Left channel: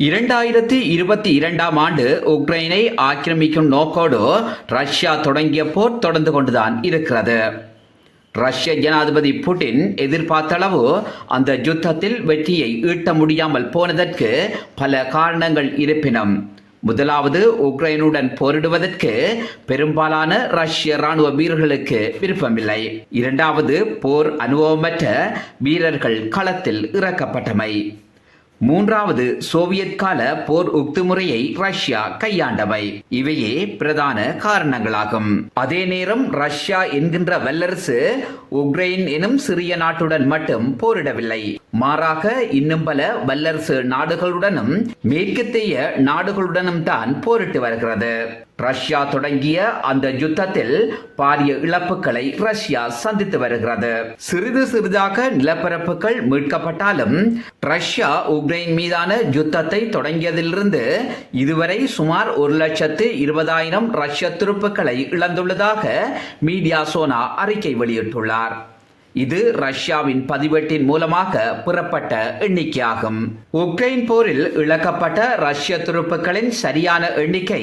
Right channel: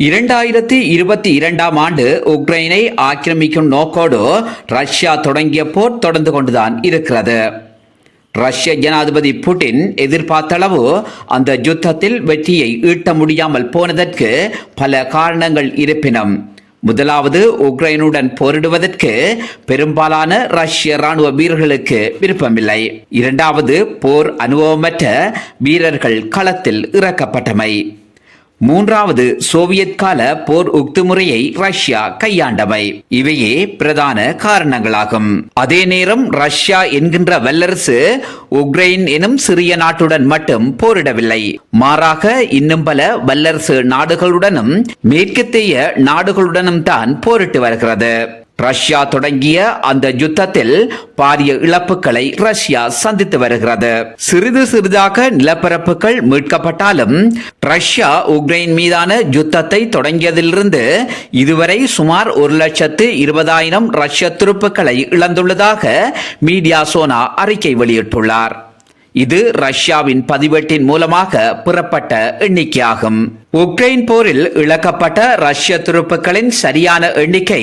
2022 ஆண்டு உக்ரைனை ஆக்கிரமிக்கும் நோக்கோடு ரஷ்யா தொடங்கிய போர் தொடர்ந்து கொண்டுதான் இருக்கிறது. ரஷ்ய ஜனாதிபதி புட்டின் எதிர்பார்த்தளவு அந்த யுத்தத்தில் வெற்றியை ஈட்ட முடியாமல் போனதற்கு பல காரணங்கள் இருப்பினும், முதலாவது, உக்ரைனுடன் போரிடுவதற்கு பெரும்பாலான ரஷ்ய ராணுவ வீரர்களுக்கு விருப்பமில்லை. இரண்டாவது, போர் அனுபவமற்ற வீரர்கள் களத்தில் இறக்கப்பட்டமை. மூன்றாவது, சோவியத் கால போர் உக்து முறையை ரஷ்யா கையாண்டமை. இவையே பிரதான காரணங்களாகும். அதே நேரம் ரஷ்யா என்கின்ற வல்லரசு உக்ரைன் எனும் சிறிய நாட்டுடன் மட்டும் போரிடவில்லை. மாறாக இன்னும் பல வல்லரசு நாடுகளுடனும் மேற்கத்திய நாடுகளுடனும் தான் போரிட்டு வருகிறது. ரஷ்யா தொடங்கிய அந்த யுத்தத்தில் பாரிய இழப்புகளை ரஷ்யா சந்தித்து வருகிறது. சிறிது சிறிதாக நிலப்பரப்புகள் மீட்கப்பட்டாலும் ரஷ்யா உக்ரைன் மீதான யுத்தத்தை தொடங்கியதிலிருந்து இதுவரை சுமார் 1,20,000 ரஷ்ய துருப்புக்களை இழந்துள்ளதாக மீடியா சோனா அறிக்கை வெளியிட்டுள்ளார். இது ரஷ்யாவின் பதிவேட்டின் மூலமாக பெறப்பட்ட எண்ணிக்கையாகும். உக்ரைன் போரில் இழக்கப்பட்ட ரஷ்ய துருப்புக்களின் சரியான எண்ணிக்கை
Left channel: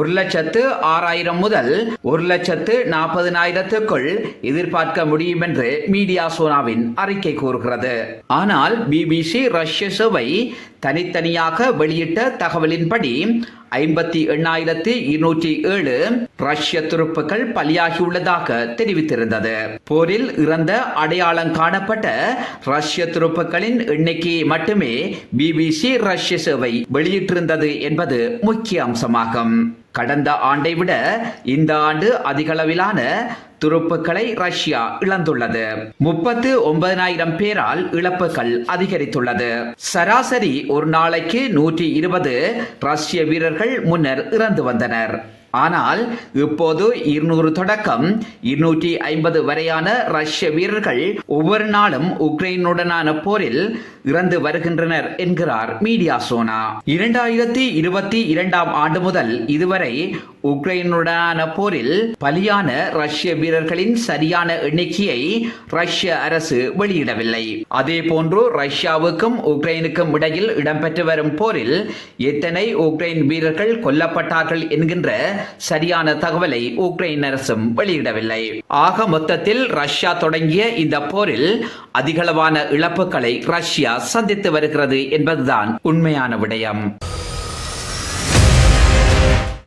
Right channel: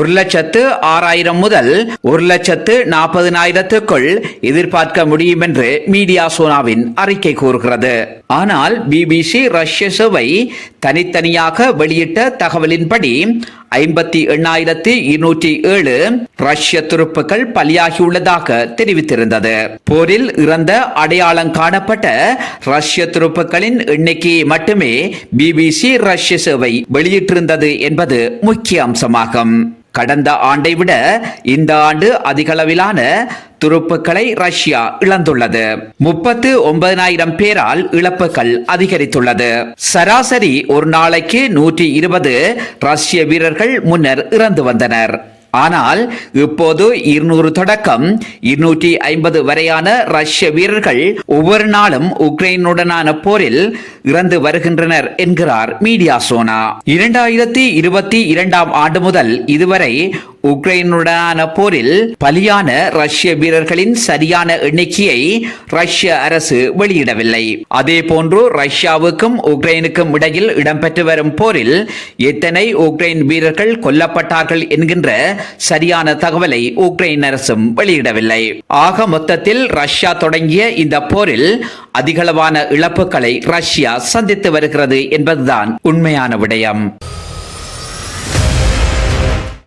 1,06,000 முதல் 1,40,000க்குள் எதிர்பார்க்க முடியும் என்று மீடியா சோனாவின் அறிக்கை கூறுகிறது. ஆனால் பிபிசி ரஷ்ய சேவை தனித்தனியாக வெளியிட்ட தகவலின்படி 58,207 ரஷ்ய துருப்புக்கள் பலியாகியுள்ளதாக தெரிவித்திருந்தது. போரில் இறந்த அடையாளம் காணப்பட்ட ரஷ்ய துருப்புக்களின் எண்ணிக்கையை மட்டுமே பிபிசி ரஷ்ய சேவை வெளியிட்டிருந்தது என்பது முக்கிய அம்சமாகும். கடந்த ஆண்டை விட இந்த ஆண்டு அதிகளவிலான துருப்புக்களை ரஷ்யா இழந்துள்ளது. 39,000 பேரால் இழப்புகள் அதிகரித்துள்ளது. சராசரி ஒரு நாளைக்கு 120 ரஷ்ய வீரர்கள் முன்னர் இறந்து வந்தனர். ஆனால் இப்போது 200 தொடக்கம் 250 வரையான ரஷ்ய வீரர்கள் ஒவ்வொரு நாளும் உக்ரைனுடனான போரில் இறந்து வருகின்றனர் என்கிறார் மீடியா சோனா. 2022 ஆண்டு முதல் இதுவரை உக்ரைனுடனான போரில் பலியான ரஷ்ய வீரர்களின் சரியான எண்ணிக்கையை ரஷ்ய அரசு வெளியிடவில்லை. அதே போன்று ரஷ்யாவுக்கும் உக்ரைனுக்கும் இடையில் இடம்பெற்று வரும் போரில் எத்தனை உக்ரைன் வீரர்கள் கொல்லப்பட்டார்கள் என்கின்ற சரியான தகவலை உக்ரைன் அரசும் வெளியிடவில்லை. ஆக மொத்தத்தில் ரஷ்யா தொடங்கிய இந்த போரில் அதிகளவான இழப்புகளை ரஷ்யா சந்தித்து வருகிறது என்பதுதான் உண்மையான விடயம்.